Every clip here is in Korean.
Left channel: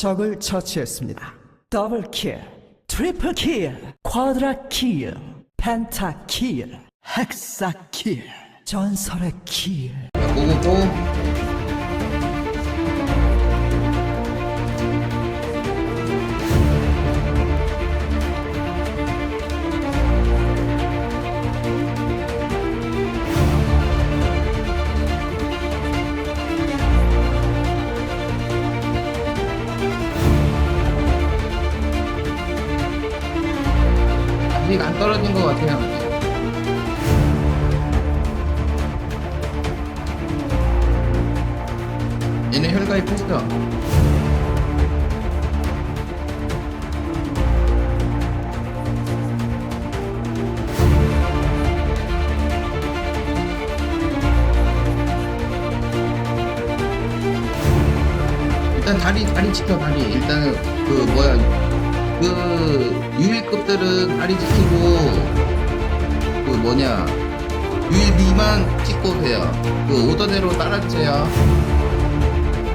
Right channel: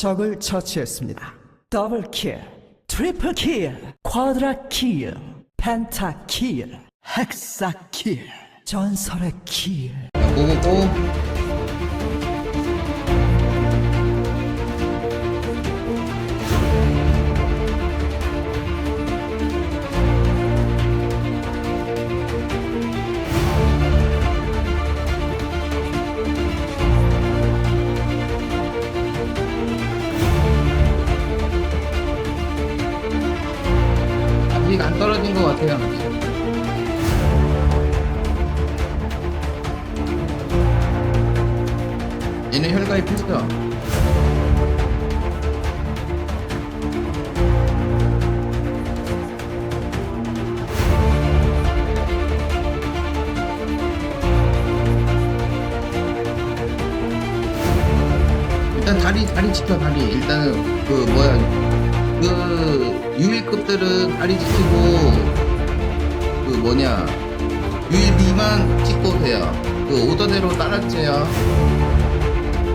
적을 처치했습니다. 더블 킬, 트리플 킬, 쿼드라 킬, 펜타 킬, 헥사 킬, 전설의 킬. 자, 고고고. 일단 다리 다리 지켜 다리. 일단은 그 뭐야 그 유일급들은 다리 지키고 그 뭐냐 유일 미만 찍고 돼요. 그 오더대로 따라주세요.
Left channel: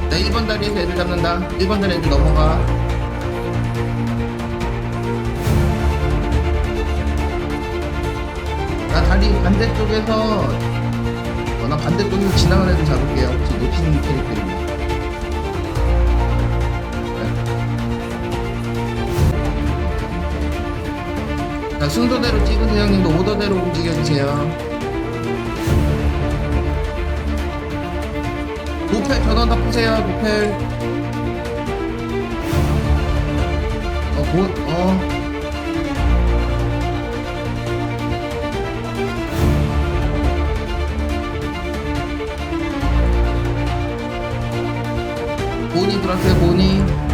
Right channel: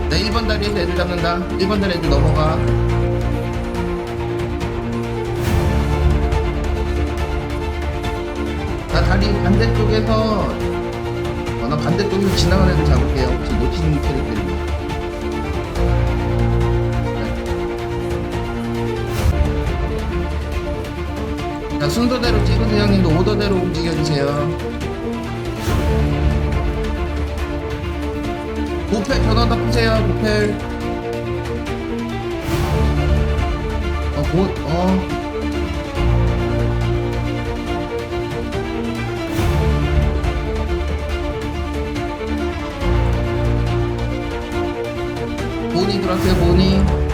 나 1번 다리에서 애들 잡는다. 1번 다리 애들 넘어가. 나 다리 반대쪽에서 어, 나 반대쪽에서 지나가는 애들 잡을게요. 혹시 놓친 캐릭터입니다. 자 순서대로 찍으세요 형님도. 오더대로 움직여주세요. 도펠 전원 다 푸세요 도펠. 어 곧 어. 보니 들어왔어요 보니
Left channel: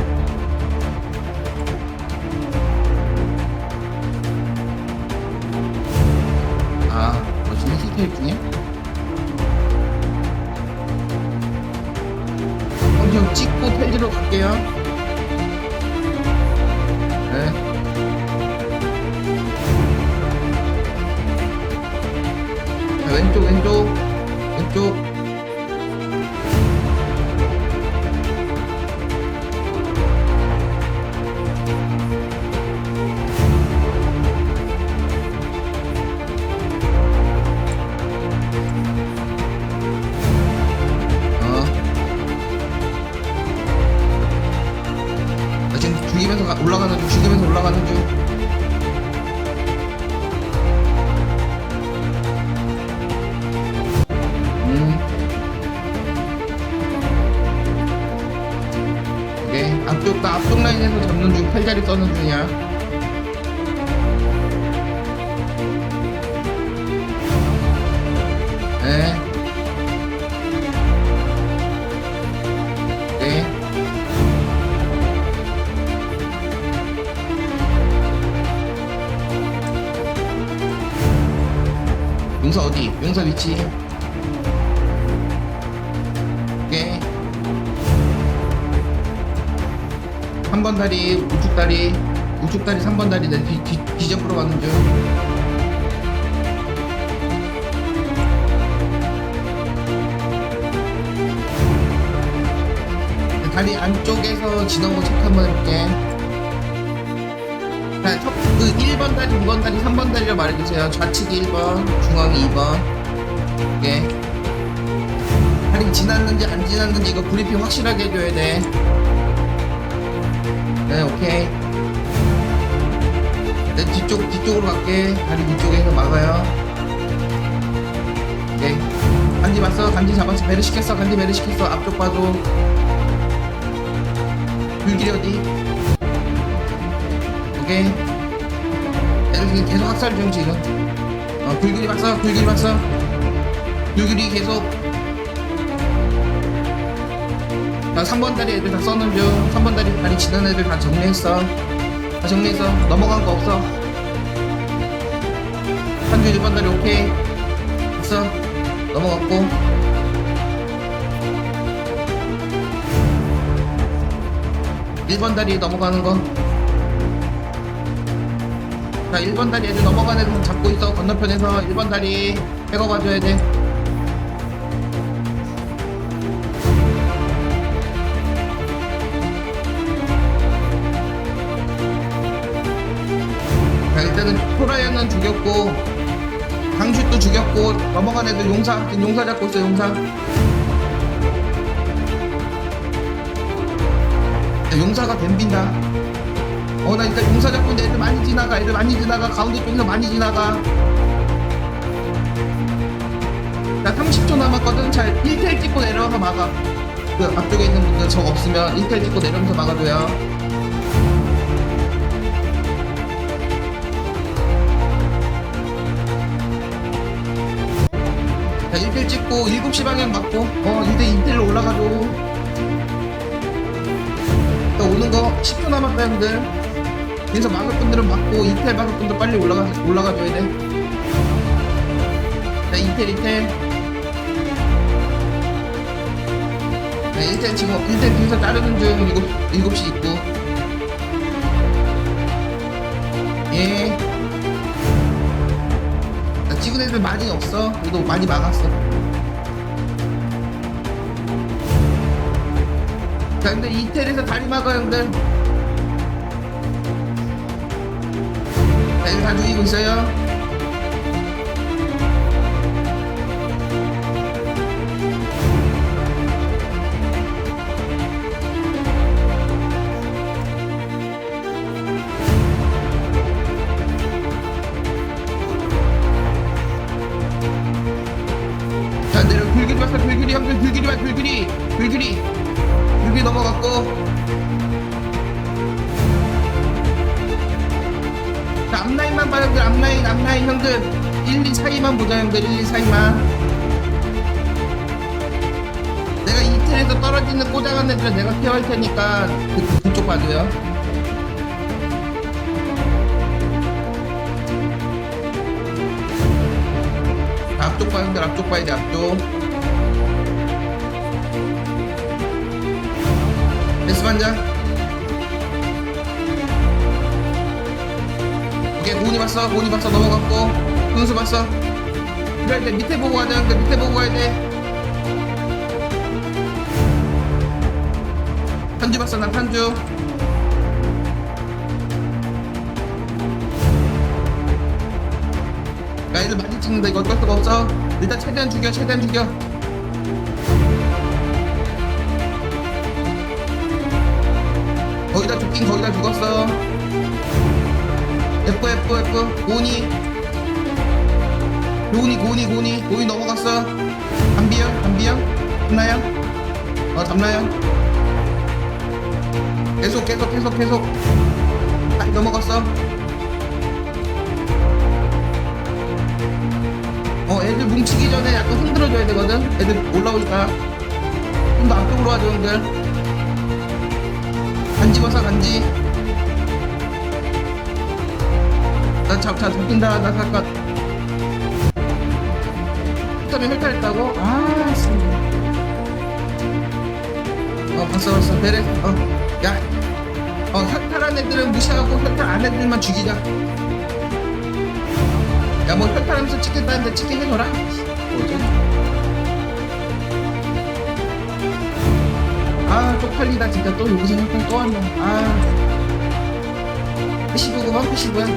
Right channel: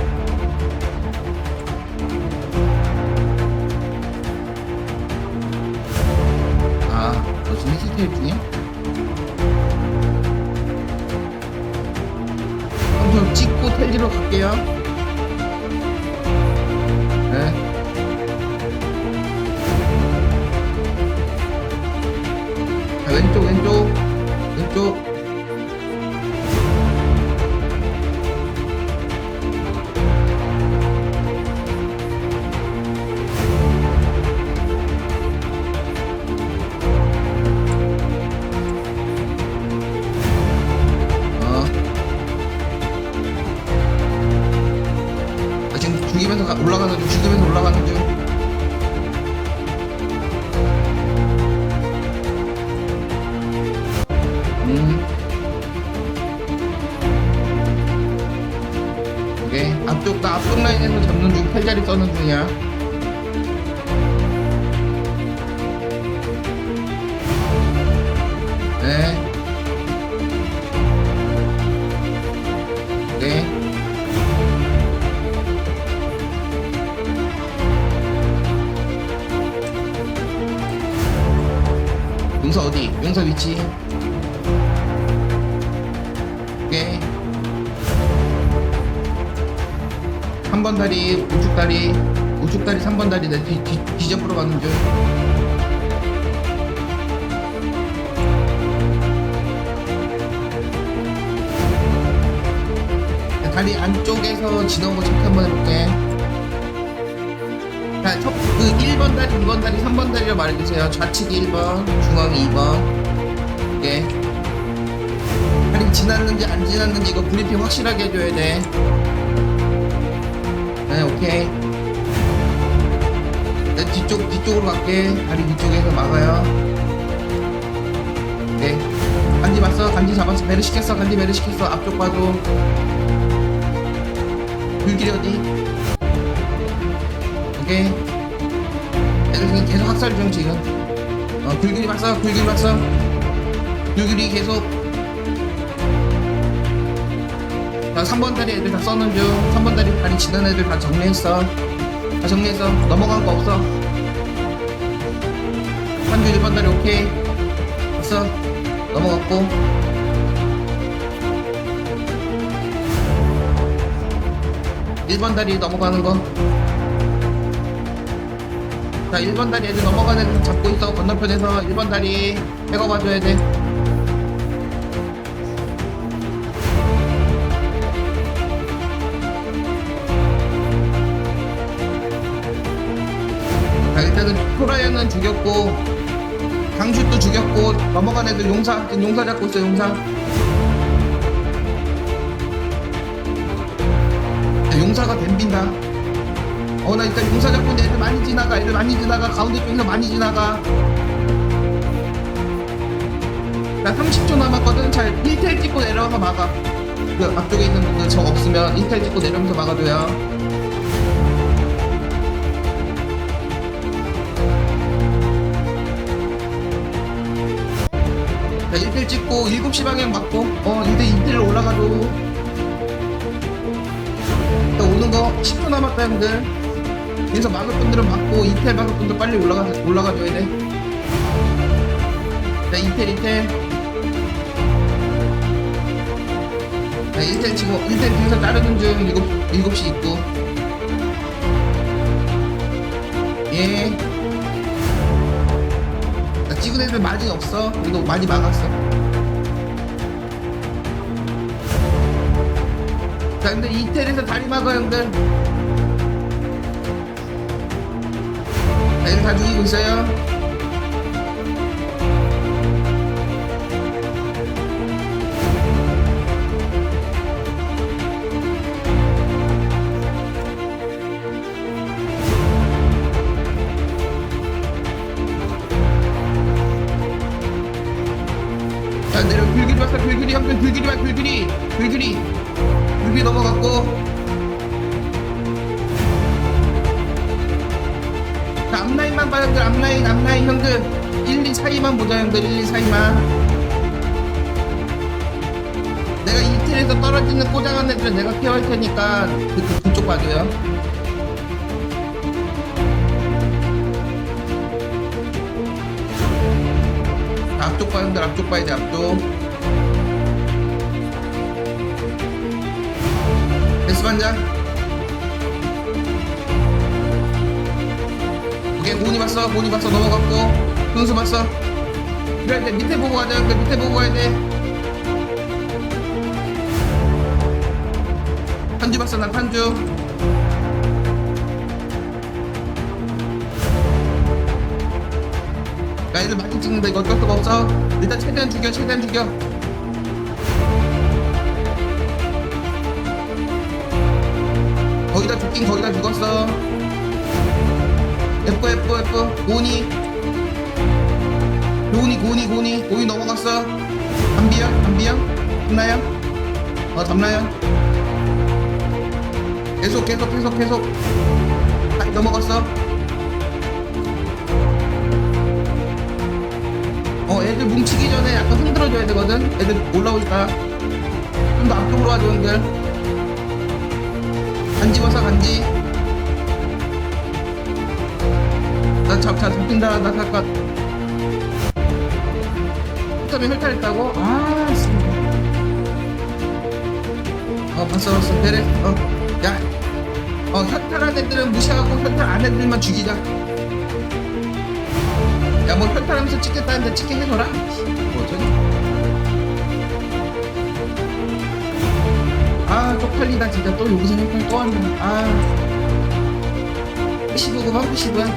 힐테일 중에 형, 저 찍고 텔지로 갈게요. 네. 자, 왼쪽, 왼쪽, 왼쪽. 앞쪽, 나 앞쪽 라인에서 잡는 중, 팔자리 써는 중이야. 네. 오케이. 용사 어디? 용사 위치. 3번 다리, 우측 다리, 우측 다리 3번 다리 내 뒤, 뒤, 뒤잡으러 가는 중. 다리 안쪽에서 지나온 거 체크 한번 해볼게. 자, 첫, 그 1번 다리, 2번 다리, 3번 다리로 말해주세요. 좌측이 1번, 중앙이 2번. 오케이. 다리 지났는지 안 지났는지 이거 브리핑 확실하게 해줘야 돼. 네, 오케이. 내 뒤쪽, 뒤쪽으로 갈게. 다리 뒤쪽에서 막아요. 오케이. 간지 봤어? 간지 잡았어? 베르 시켰어? 간지 베르 시켰어? 앞쪽 봐줘. 불길이 어디? 오케이. 애들 지금 계속 학살 중 지금. 어, 불길이 봤어? 불길이 봤어? 불길이 계속. 자, 3번 다리 애들 다 써는 중. 3번 다리 다리 지난 애들 다 정리했어. 다 정리했어. 넘어간 거 없어. 한주 1번 다리 오케이. 됐어. 넘어갔고. 일 번 다리 넘어가는 거. 자, 1번 다리 애들 넘어가는 애들 잡고 있어. 건너편에서 1번 다리 빼고 봐줘야 돼. 자 일단은 토라이언은 죽였고 강슛도 죽였고 넘어간 애들 용사 용사 잡고 있어 용사. 자, 용사가 댐빈다. 어 나 일단 용사 잡고 있는데 애들 많이 지나가 애들 많이 지나가 가운데 쪽에서 많이 지나가. 나 30초 남았거든. 잘 1텔 찍고 내려와서 막아. 그 앞쪽에 있는 분들 적 없으면 1텔 찍고 내려오면서 막아줘요 자 1텔 찍고 7시 방향 맞고 어 이제 2텔로 올라가줘. 자 오는 거 10초 남았다 형들. 그래서 막을 분들은 막고 2텔 막을 분들 빨리 올라가, 올라가줘야 돼자 2텔 2텔 자 1텔 지금 1텔 뒤에서 자르는 중 7, 7시 있고. 예. 자, 찍은 애들 많이 없어. 그래도 많이 막았어. 자, 근데 이태리에서 다리 막아, 형들. 자, 애들 다 죽이고 있어요. 자, 내려, 불길이 왔어, 불길이, 형들, 불길이 와, 불길이. 불길이. 불길이 넘어갔고. 자, 앞라인만 봐, 형들, 앞라인, 앞라인, 형들. 1, 2 사이만 보자, 형들, 1, 2 사이만. 내가 이틀에서 떨어지는 꼬장한 애들은 내가 케어할 테니까 그, 그, 그쪽 봐줘요. 앞쪽 봐, 형들, 앞쪽 봐야 돼, 앞쪽. 데스 반장. 오케이, 고은이 봤어, 고은이 봤어, 넘어갔고. 훈수 봤어. 그래야 돼, 밑에 보고 가자, 형들, 밑에 보고 가야 돼. 탄주 봤어, 난 탄주. 야, 애들 많이 찍는다. 이거 어쩔 수가 없어. 일단 최대한 죽여, 최대한 죽여. 거기다 죽긴 거기다 죽었어. 예뻐, 예뻐, 예뻐. 고은이. 고은이, 고은이, 고은이. 고은이 넘어갔어. 담비연, 담비연. 담나연. 어, 담나연. 계속, 계속, 계속, 계속. 다시 넘어갔어. 어 애들 뭉치기 전에 약간 흔들어줘야 되거든? 애들 올라올까. 좀 더 앞쪽으로 와줘 형들. 간지 벗어 간지. 나 잡, 잡, 잡힌다. 나 잠깐 흑점이 혈탈했다고? 아 씨. 어 봤어 봤어. 데레 어야. 어 혈탈한 애들은 무시하고 혈탈 안 애들만 죽이자 야뭐 혈탈하면서 찍겠다는데 찍게 해줘라? 뭐 어쩌지? 아 쪽팔리다 진짜. 또 여기서 혈탈 또 한다. 아. 패시브구만 패시브야.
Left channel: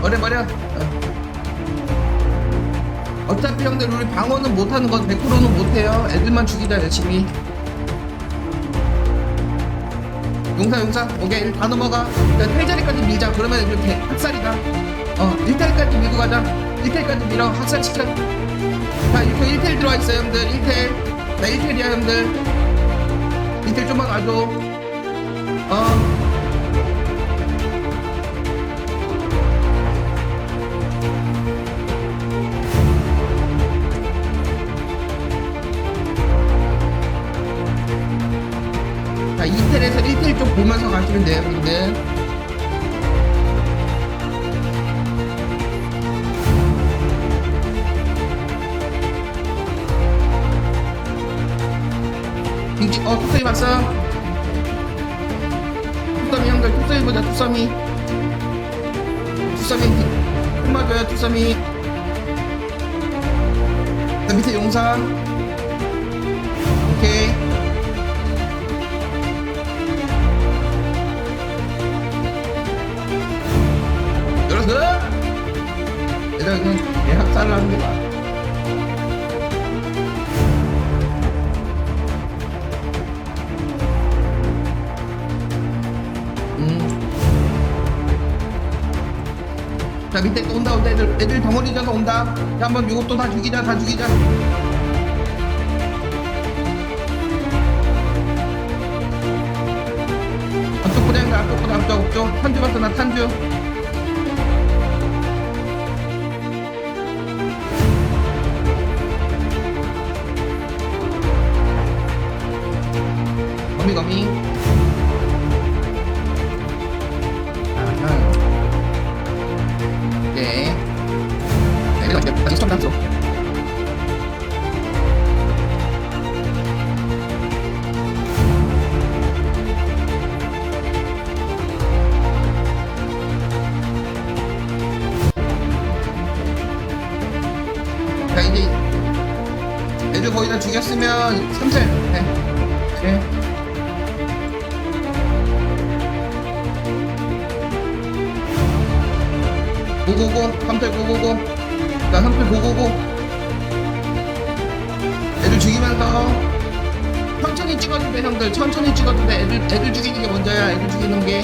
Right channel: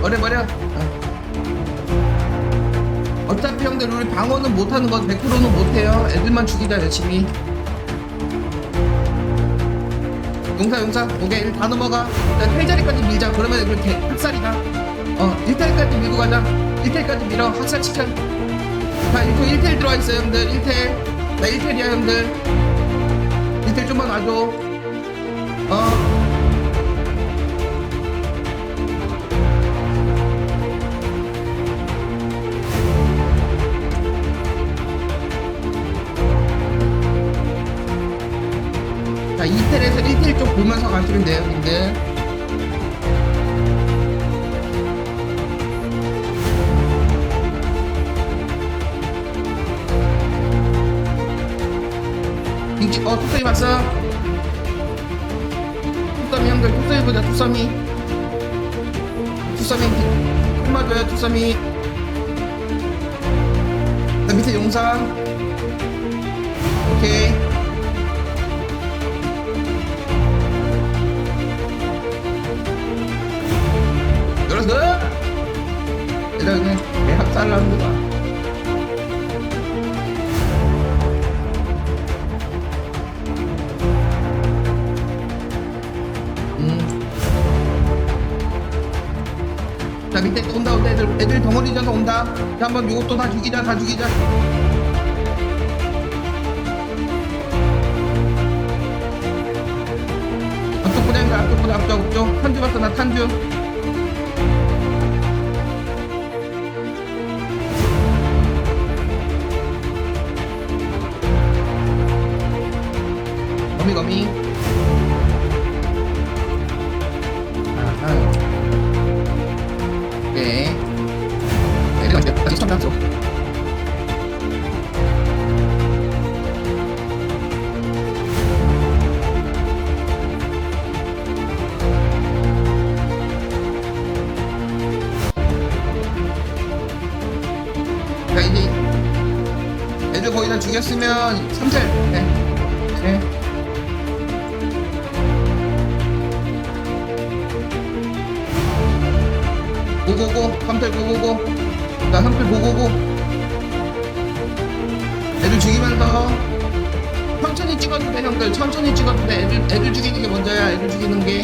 버려 버려. 어. 어차피 형들 우리 방어는 못하는 건 100%는 못해요. 애들만 죽이자 열심히. 용사 용사. 오케이 다 넘어가. 자 텔자리까지 밀자. 그러면 이렇게 학살이다 어 1텔까지 밀고 가자. 1텔까지 밀어. 학살시켜 자 1텔 1텔 들어와 있어 형들. 1텔 나 1텔이야 형들. 1텔 좀만 와줘. 어. 자, 2텔에서 1텔 쪽 보면서 가시면 돼요, 형님들. 빙지 어 뚝섬이 왔어 뚝섬이 형들 뚝섬이 보자 뚝섬이. 뚝섬이 끝마줘요 뚝섬이. 그 밑에 용상. 오케이. 열어서 내가 그냥 내 학살을 하는 거봐. 자 밑에 또 온다 온다 애들 애들 덩어리 져서 온다. 자 한번 요것도 다 죽이자 다 죽이자. 앞쪽 보자니까 앞쪽 보자 앞쪽 앞쪽 탄주 봤어 나 탄주. 거미 거미 내가 이제 다시 첨단 줘자 이제 애들 거의 다 죽였으면 3셀 네. 네. 고고고 3셀 고고고 자 3셀 고고고. 애들 죽이면서 천천히 찍어도 돼 형들. 천천히 찍어도 돼. 애들, 애들 죽이는 게 먼저야 애들 죽이는 게.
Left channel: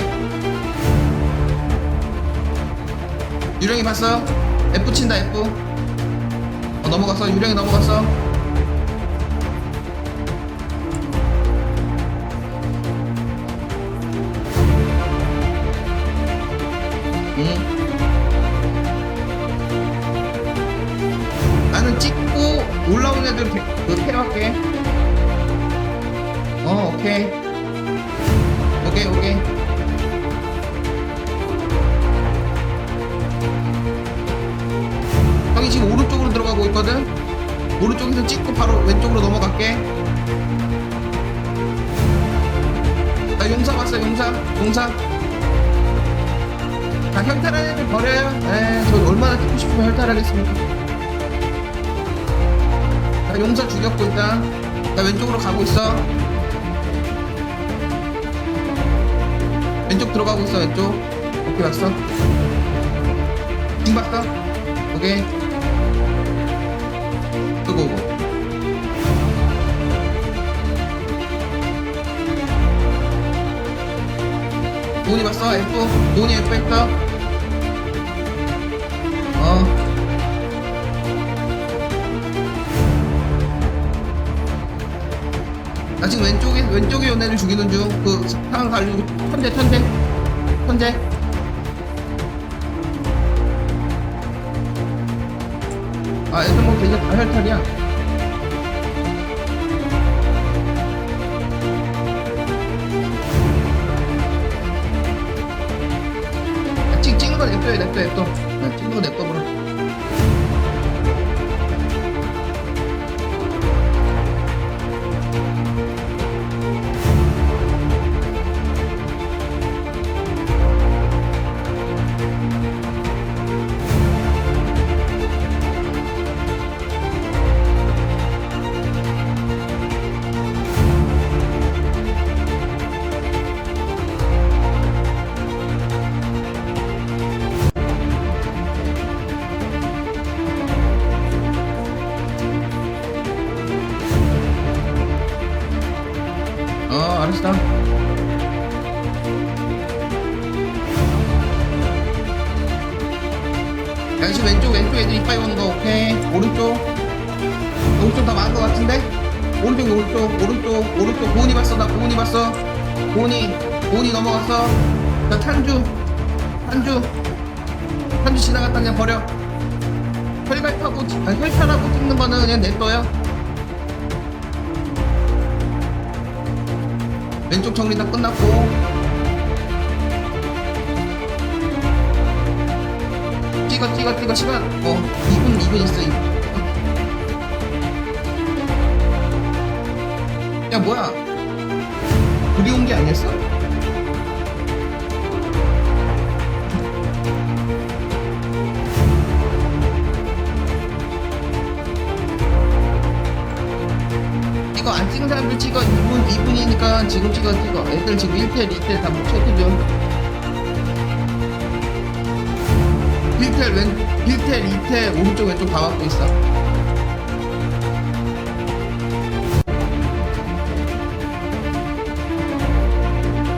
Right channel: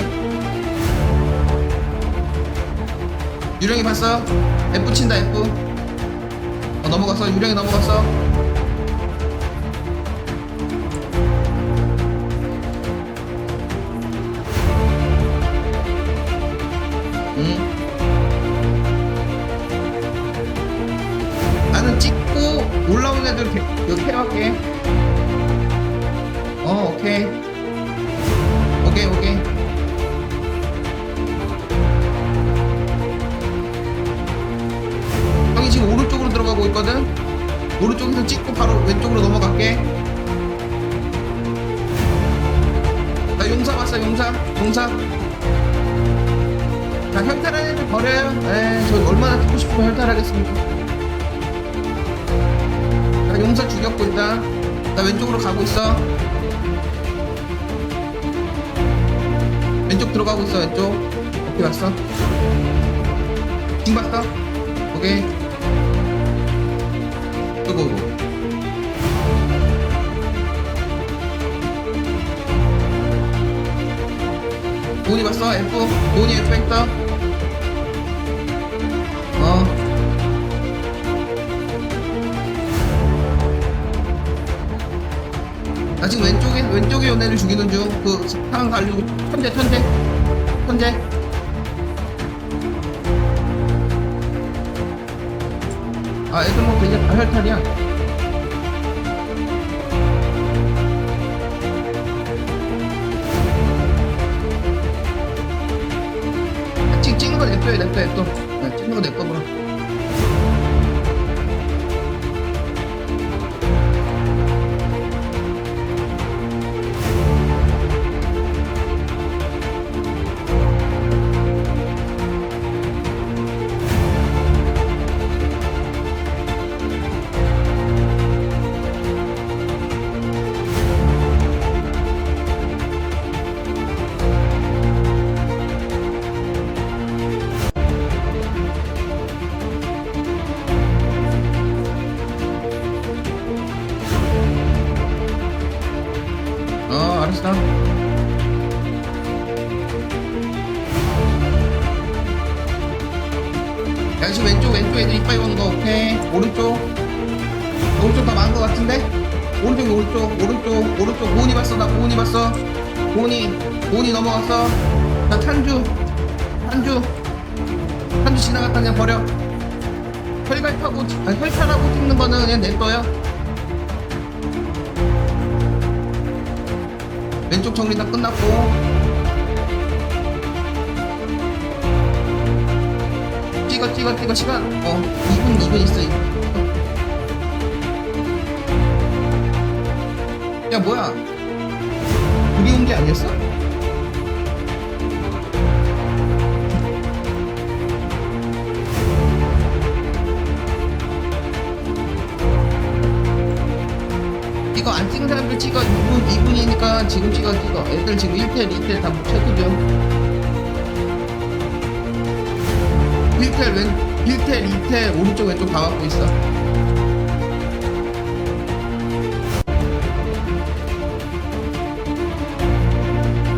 유령이 봤어? F 친다 F. 어 넘어갔어. 유령이 넘어갔어 그 케어할게 어 오케이. 오케이 오케이. 형이 지금 오른쪽으로 들어가고 있거든? 오른쪽에서 찍고 바로 왼쪽으로 넘어갈게. 나 용사 봤어 용사? 용사? 자 혈탈한 애들 버려요. 에저 얼마나 찍고 싶으면 혈탈하겠습니까 자 용사 죽였고 일단. 나 왼쪽으로 가고 있어. 왼쪽 들어가고 있어 왼쪽. 오케이 봤어. 징 봤어? 오케이. 끄고. 오고 돈이 봤어? F? 돈이 F 했어 어 나 지금 왼쪽에 왼쪽에 연애를 죽이는 중그 상황 갈리고 천재 천재. 천재. 아 애들 뭐 이제 다 혈탈이야. 야, 찍, 찍는 거 냅둬요 냅둬 냅둬 야, 찍는 거 냅둬 버려 야 지금 왼쪽 왼쪽 애들 이빨 오는 거 오케이? 오른쪽. 오른쪽 다 많은 거 같은데? 오른쪽 오른쪽 오른쪽 오른쪽. 고은이 봤어 나 고은이 봤어. 고은이 고은이 넘어갔어. 자 탄주. 탄주. 탄주 지나갔다 그냥 버려. 혈갈타고 찍- 아니, 혈탈하고 찍는 거는 그냥 냅둬요 왼쪽 정리 다 끝났고 찍어 찍어 찍어 시간. 어 2분 2분 있어 2분. 어. 야 뭐야? 그리운 게 아니었어? 이거 안 찍은 사람들 찍어. 2분 2분이니까 지금 찍어 찍어. 애들 지금 1텔 2텔 다못 체크 좀 1텔 왼 1텔 2텔 오른쪽 왼쪽 다 막고 있어.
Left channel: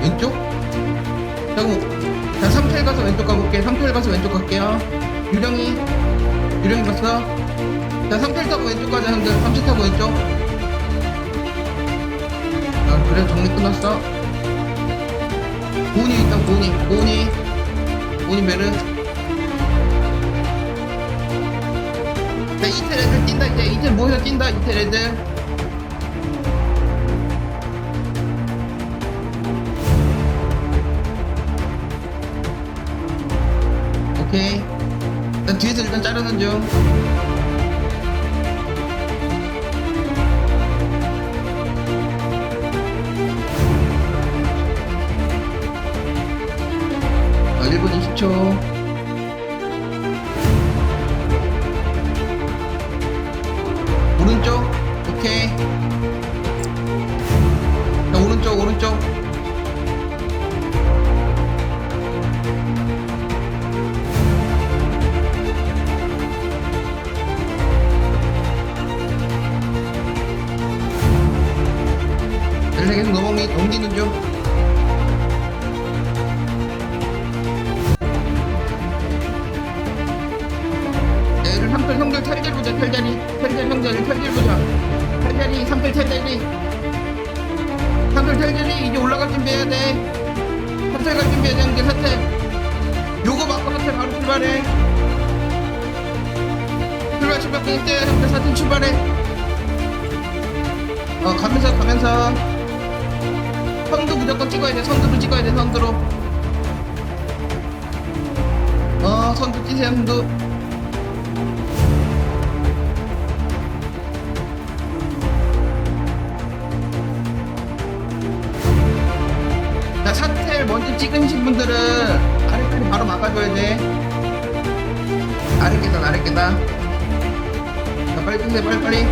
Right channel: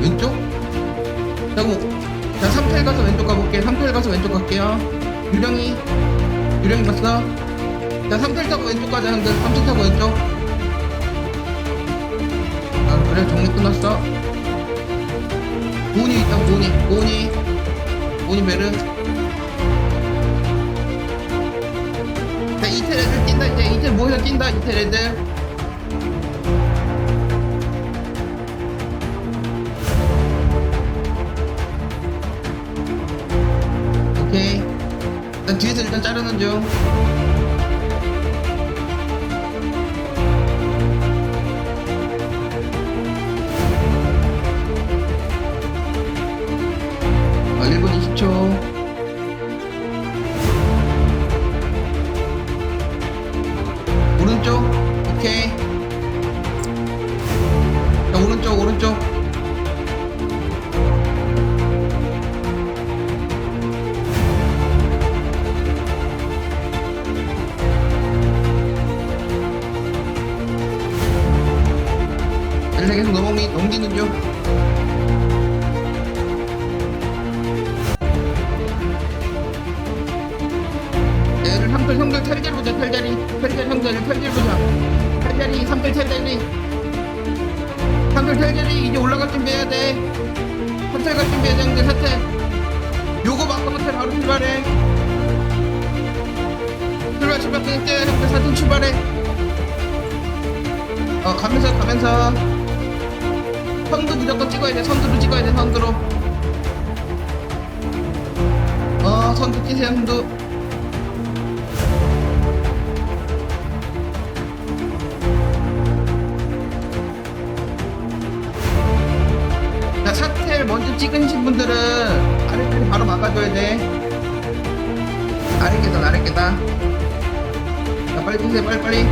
왼쪽? 자 그럼 자 3텔 가서 왼쪽 가볼게. 3텔 가서 왼쪽 갈게요. 유령이 유령이 봤어? 자 3텔 타고 왼쪽 가자 형들. 3텔 타고 왼쪽. 아 그래 정리 끝났어. 고은이 있다 고은이. 고은이. 고은이 베르 자 이텔 애들 뛴다 이제. 이텔 모여서 뛴다 이텔 애들. 오케이. 일단 뒤에서 일단 자르는 중. 아, 1분 20초 오른쪽. 오케이. 자 오른쪽 오른쪽. 계속 넘기, 넘기는 중 형들 사텔 요거 맞고 사텔 바로 출발해. 출발 출발 끊을게 형들 사텔 출발해. 어 가면서 가면서. 선두 무조건 찍어야 돼. 선두로 찍어야 돼 선두로. 어 선두 찌세요 선두 자, 사텔 먼저 찍으신 분들은 아래까지 바로 막아줘야 돼. 아래 계단, 아래 계단. 자, 빨리 뛰세요, 빨리, 빨리.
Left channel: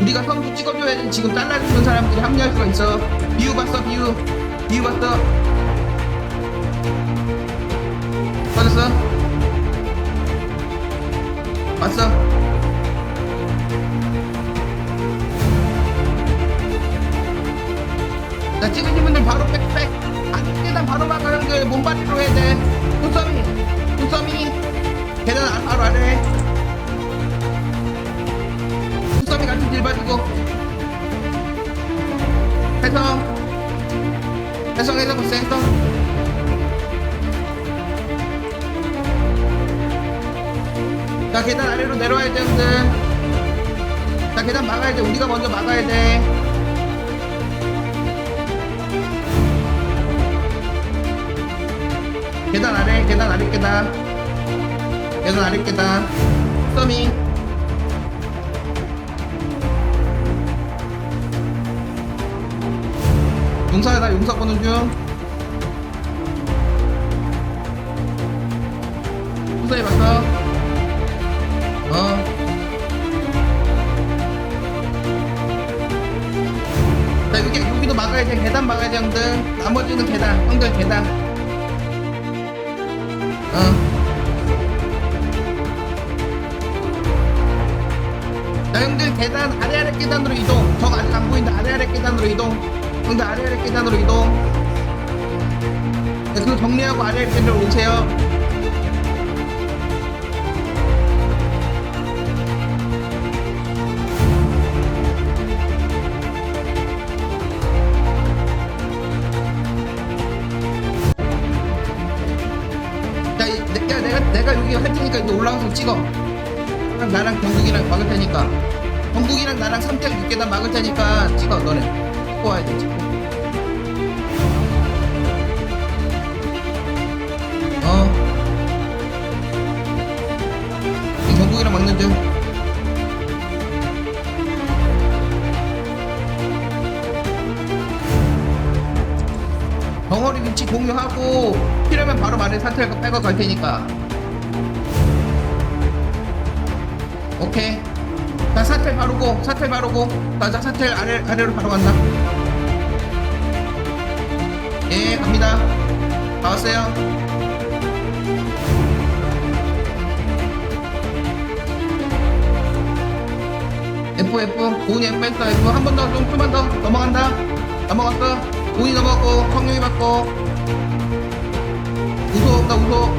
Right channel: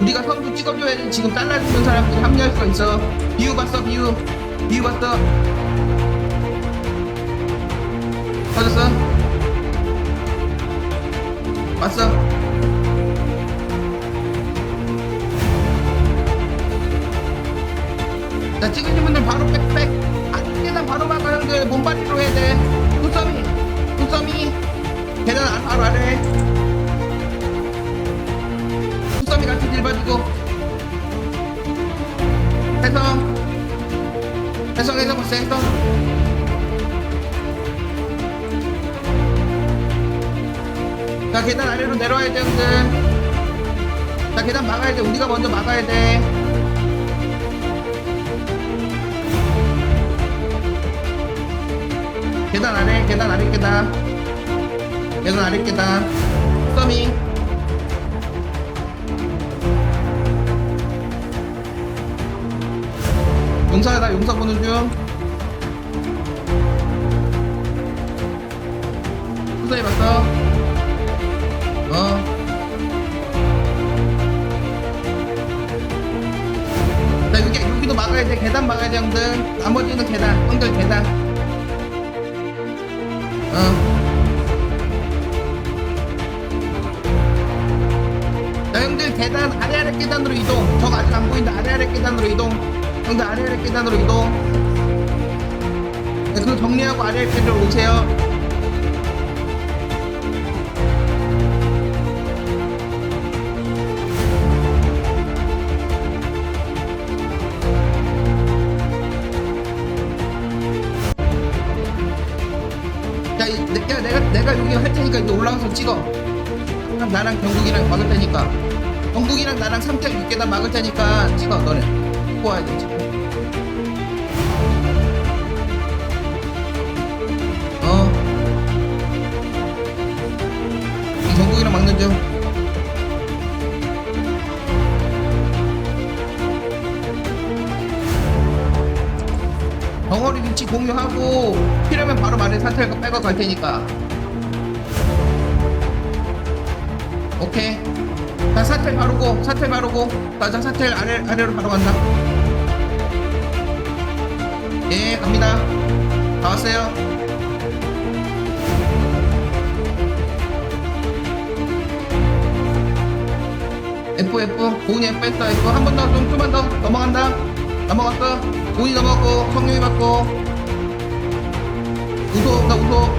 우리가 선두 찍어줘야지 지금 잘라주는 사람들이 합류할 수가 있어. 비유 봤어, 비유. 비유 봤어. 빠졌어? 봤어? 자 찍으신 분들 바로 빽빽 안 계단 바로 막아 형들 몸바리로 해야 돼. 굿서미 굿서미 계단 아- 바로 아래. 굿서미 같이 딜 봐주고. 해성 해성 해성 봤어 해성 자 계단 아래로 내려와야 돼 형들. 자 계단 막아야 돼. 우리가 먼저 막아야 돼 계단 아래 계단 아래 계단 계단 아래 계단 용사야 나 용사 보는 중 후사해 봤어 어 자, 여기, 여기도 막아야 돼. 계단 막아야 돼, 형들. 나머지는 계단. 형들 계단. 어. 자, 형들 계단 아래 아래 계단으로 이동. 적 아직 안 보인다. 아래 아래 계단으로 이동. 형들 아래 아래 계단으로 이동. 네, 그거 정리하고 아래 아래 계단으로 오세요. 여기 할 테니까 이제 올라가서 찍어. 나랑 나랑 경국이랑 막을 테니까. 경국이랑 나랑 3텔 6계단 막을 테니까 찍어 너네. 찍고 와야 돼 찍고. 어. 이 경국이랑 막는 중. 덩어리 위치 공유하고 필요하면 바로 말해 사텔 빼고 갈 테니까 오케이. 나 사텔 바르고, 사텔 바르고, 나, 나 사텔 아래, 아래로 바로 간다. 예, 갑니다. 다 왔어요. F, F. 고은이 F 했어, F. 한 번 더, 좀, 좀만 더. 넘어간다. 넘어갔어. 고은이 넘어갔고, 성룡이 맞고. 우소, 나 우소.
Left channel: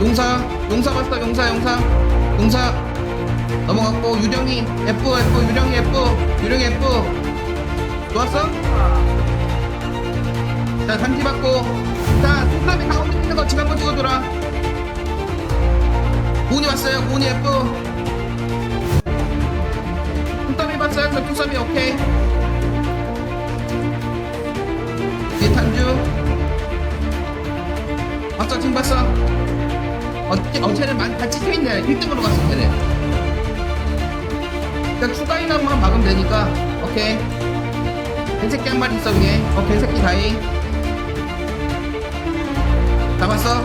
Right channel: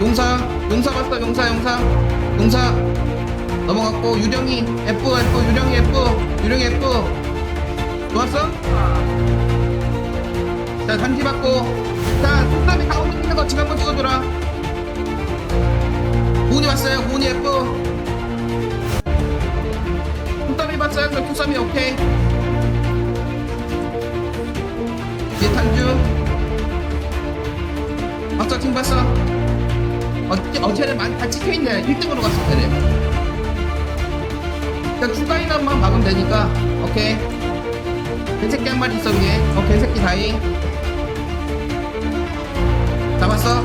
용사, 용사 봤어, 용사, 용사. 용사. 넘어갔고 유령이 F F 유령이 F 유령이 F. 좋았어? 자 단지 받고. 자 손잡이 가운데 있는 거 지금 한번 찍어줘라. 고은이 왔어요. 고은이 F. 손잡이 봤어요? 저 손잡이 오케이. 뒤에 탄주. 봤어 지금 봤어? 어, 어 많이 다 찍혀있네. 1등으로 갔어 쟤네 그냥 추가 인원만 막으면 되니까. 오케이. 개새끼 한 마리 있어 위에. 어 개새끼 다이 잡았어?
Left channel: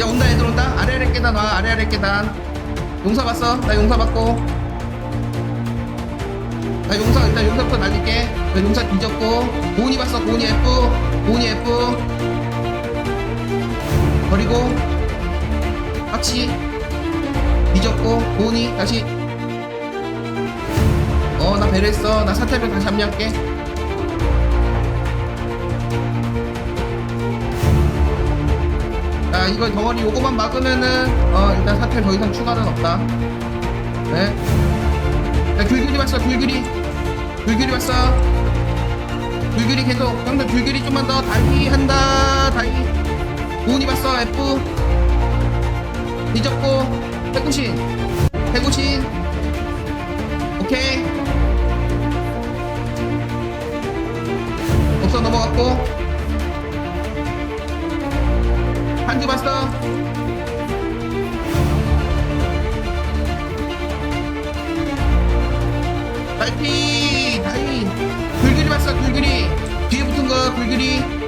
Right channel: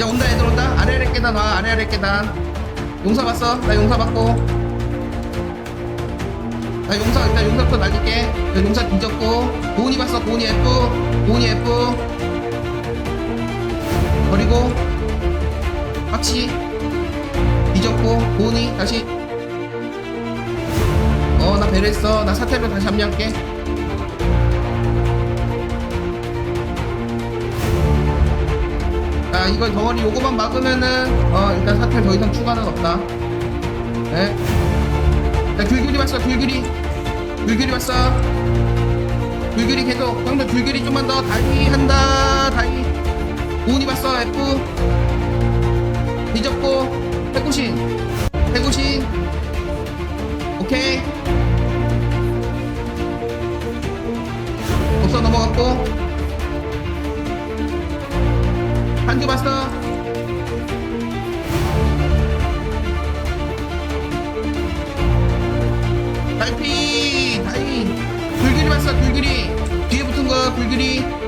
야 온다 애들 온다. 아래 아래 계단 와 아래 아래 계단. 용사 봤어? 나 용사 받고. 나 용사 일단 용사부터 날릴게. 야, 용사 뒤졌고. 고은이 봤어? 고은이 F. 고은이 F 버리고 확시 뒤졌고 고은이 다시. 어 나 배려했어. 나 사태를 다시 합류할게. 자 이거 덩어리 요거만 막으면은 어 일단 사태 더 이상 추가는 없다. 네. 자 귤귤이 봤어 귤귤이. 귤귤이 봤어. 귤귤이 계속 형들 귤귤이 좀만 더 다이 한다 다이 고은이 봤어 F. 뒤졌고 해구신 해구신 오케이. 없어 넘어갔고. 한주 봤어. 달피 다이 굴길이 봤어 굴길이. 뒤에 붙은 거 굴길이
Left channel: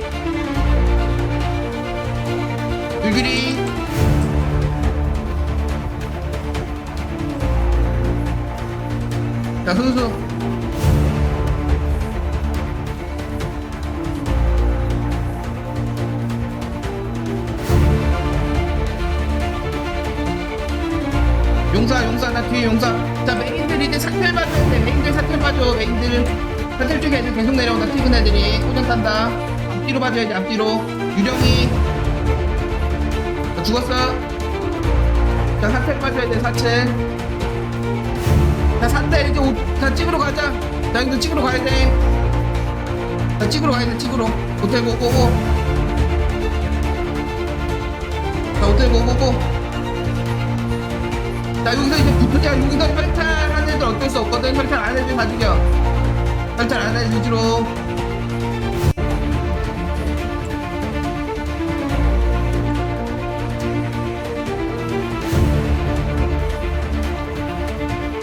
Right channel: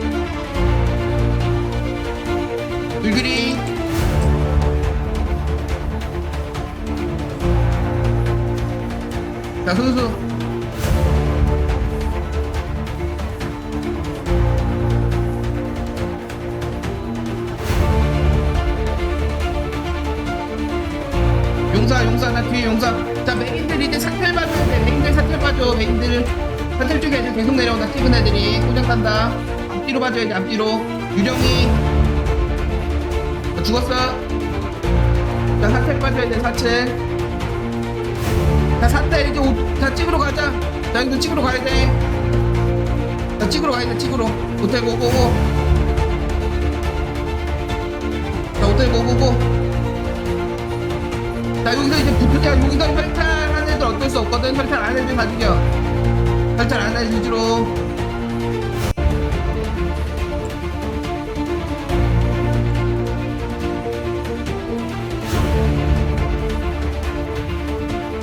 굴길이. 자 순수. 용사 용사 나 뒤에 용사. 자 메인들 이제 사텔 봐줘야 돼. 메인들 사텔 봐줘 메인들. 사텔 쪽에 애들 계속 내려온다. 찍은 애들이. 꼬장 간다. 앞뒤로 봐줘야지 앞뒤로. 유령이. 어, 죽었어? 자 사텔 봐줘야 돼 사텔 자 사텔 이제 오, 자 찍으러 가자. 자 이거 찍으러 가야 돼 자 찍으러 가야 돼 찍으러. 호텔 고고고 자 호텔 고고고 자 여기서 이제 붙으냐 여기서 혈탈한 애들 어쩔 수 없거든. 혈탈 안 애들 다 죽여 혈탈 안 애들 위주로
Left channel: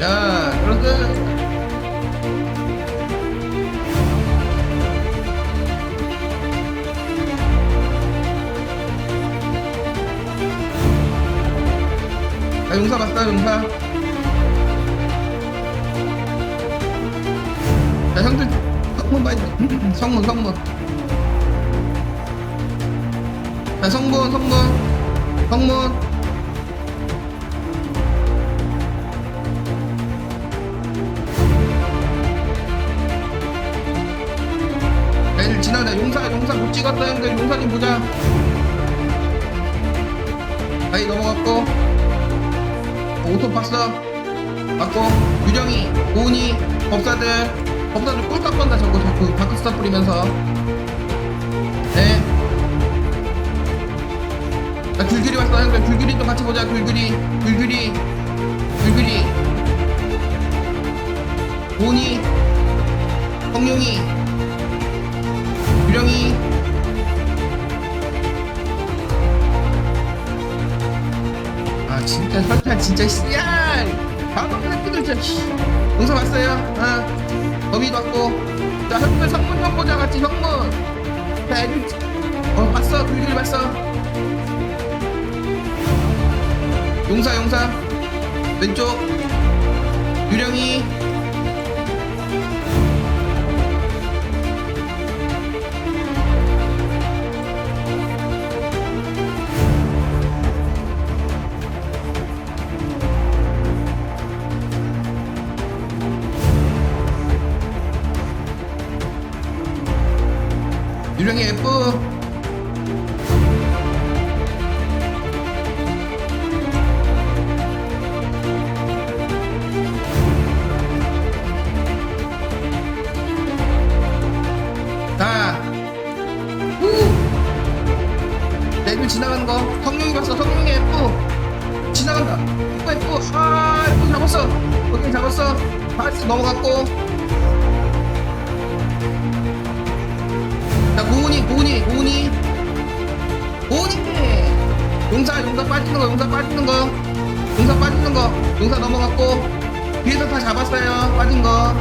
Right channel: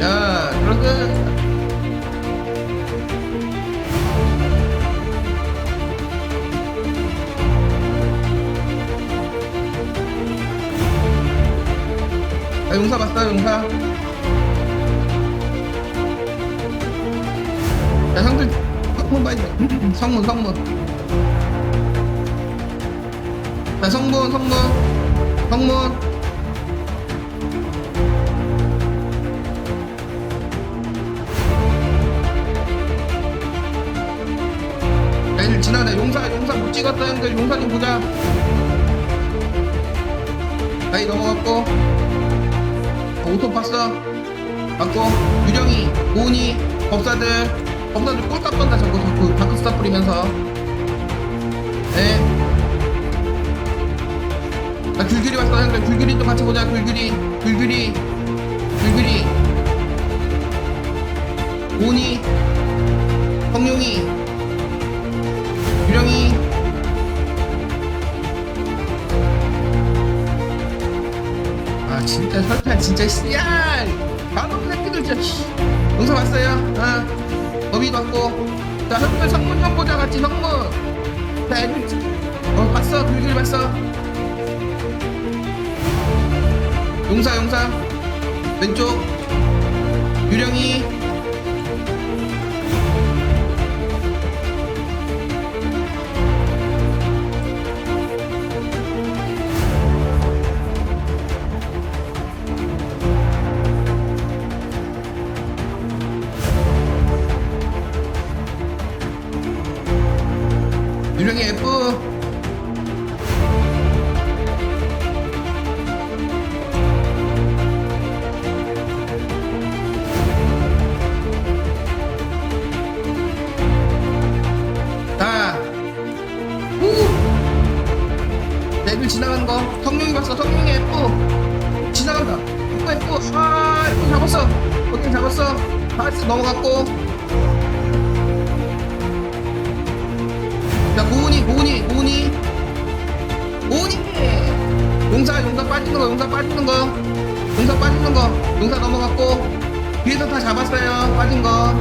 자 그러그 자 용사 봤어 용사. 자 형들 성문 봐야 돼. 성문 성문. 자 성문 성문. 성문 용사 못 형들 용사 좀 보자. 나이 넘어갔고. 어, 오토 봤어. 맞고. 유령이 고은이 법사들. 법사들 꿀값 번다 저거. 자꾸 다크스타 뿌리면서. 네. 나 귤귤이 왔어 형들. 귤귤이 좀 같이 보자 귤귤이. 귤귤이. 귤귤이. 고은이. 성룡이 유령이. 아 진짜 설탕 진짜 씨야! 방금 새끼들 진짜 씨. 영상 봤어요? 어. 범위도 왔고. 자 형들 성문 좀 보자 같이 형문. 자 애들 어 봤어? 글귀를 봤어? 용사 용사. 왼쪽. 유령이 유령이 F. 자 후! 레벨 지나가는 거. 성룡이 봤어. 성룡이 F. 지나간다. F F. 아 F 잡았어. 오케이 잡았어. 파스 넘어갔고 자 고은이 고은이 고은이. 고은이. 용사 용사 빠지는 거 용사 빠지는 거. 용사 빠지는 거. 용사 넘어갔고. 뒤에서 다 잡았어요. 빠진 거.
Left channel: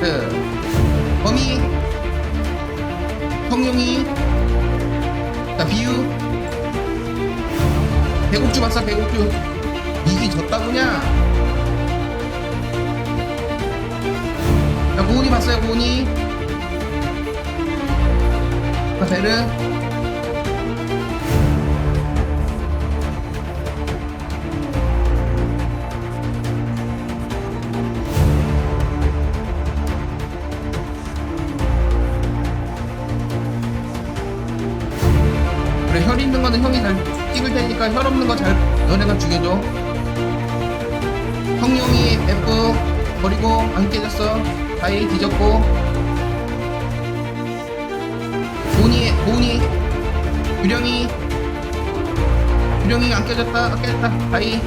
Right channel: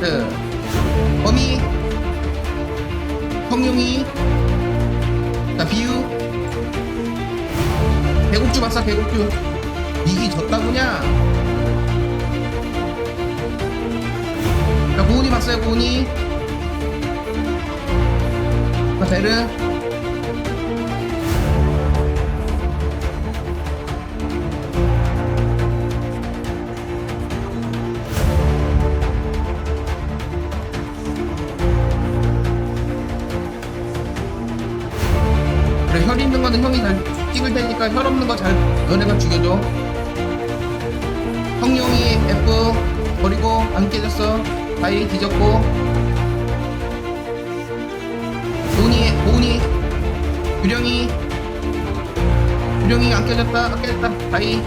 그 범이. 성룡이. 자 비유. 배곡주 봤어 배곡주 이기 졌다구냐? 자 고은이 봤어요 고은이? 자 베르? 그래 혈 있는 거는 형이 잘 찍을 테니까 혈 없는 거 잘 너네가 죽여줘 성룡이 F 버리고 안 깨졌어. 다이 뒤졌고. 보니 보니. 유령이. 유령이 안 깨졌다. 안 깨졌다. 다이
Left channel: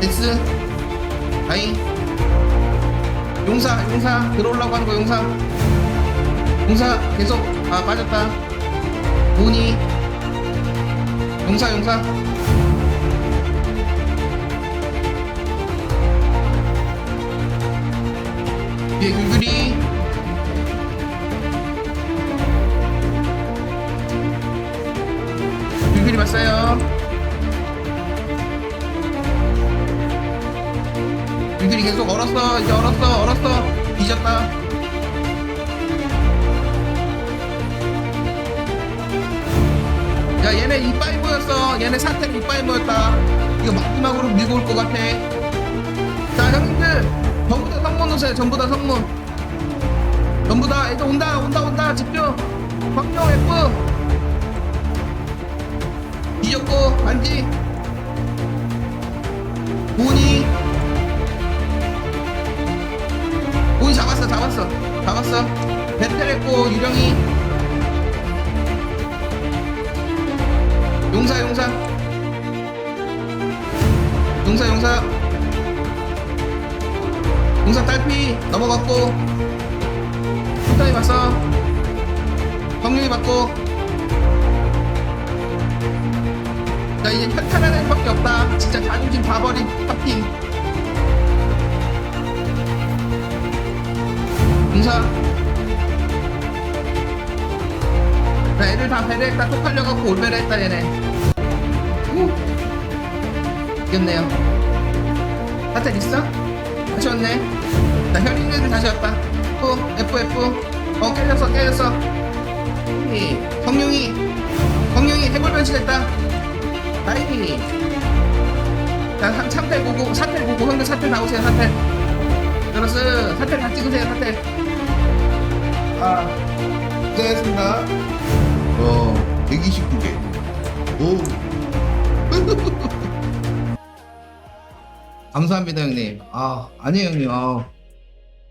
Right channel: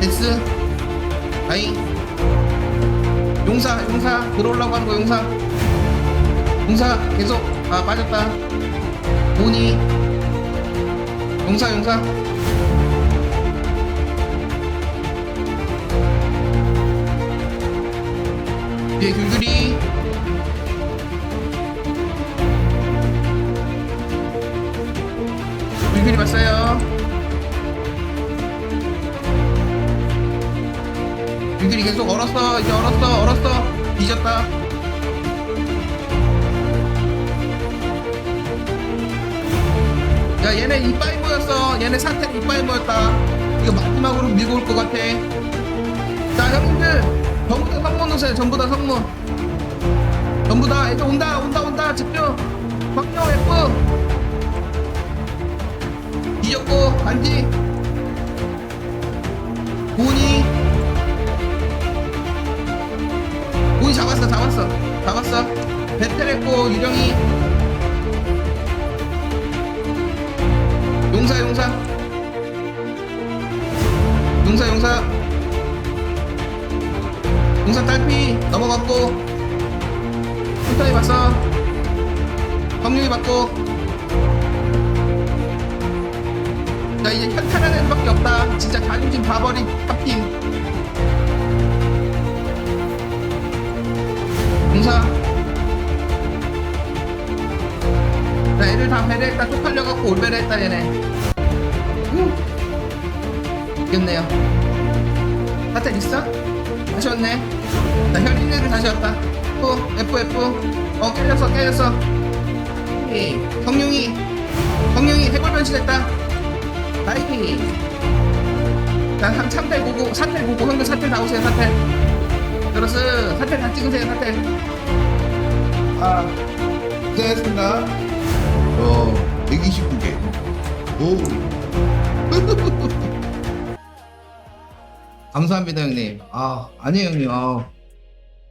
S 다이 용사 용사. 들어오려고 하는 거 용사. 용사 계속 아 빠졌다. 보니. 용사 용사 뒤에 귤귤이. 귤귤이 봤어요? 귤귤이 계속 얼었어 이제 얼었어 얼었어. 뒤졌다. 야 얘네 이빨 모였어. 얘네 사태 이빨 모였다. 이거 마지막으로 밀고 올 것 같아. 자 형님들 전부 다 성문 오세요. 전부 다 성문. 전부 다 애들 온다 온다 온다. 집중. 광룡 F. 뒤졌고 간지. 고은이. 고은이 잡았어 잡았어. 잡았어. 베텔했고 유령이. 용사 용사. 용사 용사 용사 딸피 넘어갔고 풀타이 봤어 성룡이 봤고 자 이제 현탄한 애들밖에 없다. 진짜 자존심 다 버린 탑팀. 용사. 자 애들 다 배려했다 쪽팔려갖고 올배려했다 얘네. 후. 이겼네요. 사태 있어? 왔네 자 혈인 애들 다시 왔다. F F F. 어 깨졌어 깨졌어. 이, 성룡이. 성룡이 해골 변신했다. 다이 자 상- 삼텔 보고 사텔 보고 형들 사텔 나오세요 사텔 그렇스 사텔 다 찍으세요 사텔 아 고생했습니다. 어 129개. 오. 감사합니다 형님. 아 아니에요 형님. 아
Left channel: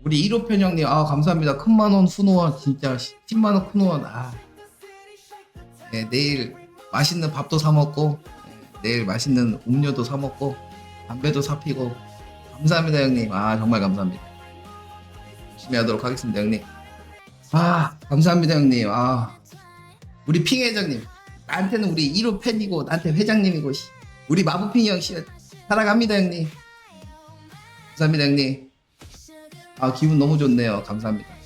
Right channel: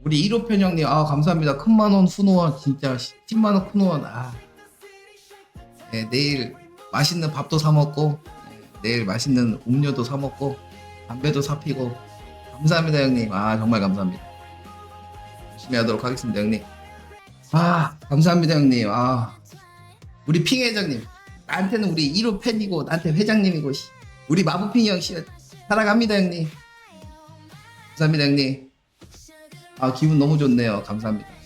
우리 1호 편 형님 아 감사합니다. 큰만원 후노원 진짜 10만원 후노원 아. 네, 내일 맛있는 밥도 사 먹고 네, 내일 맛있는 음료도 사 먹고 담배도 사 피고. 감사합니다 형님. 아 정말 감사합니다. 열심히 하도록 하겠습니다 형님. 아 감사합니다 형님. 아. 우리 핑 회장님. 나한테는 우리 1호 팬이고 나한테 회장님이고 씨. 우리 마부핑 형 씨, 사랑합니다 형님. 감사합니다 형님 아 기분 너무 좋네요. 감사합니다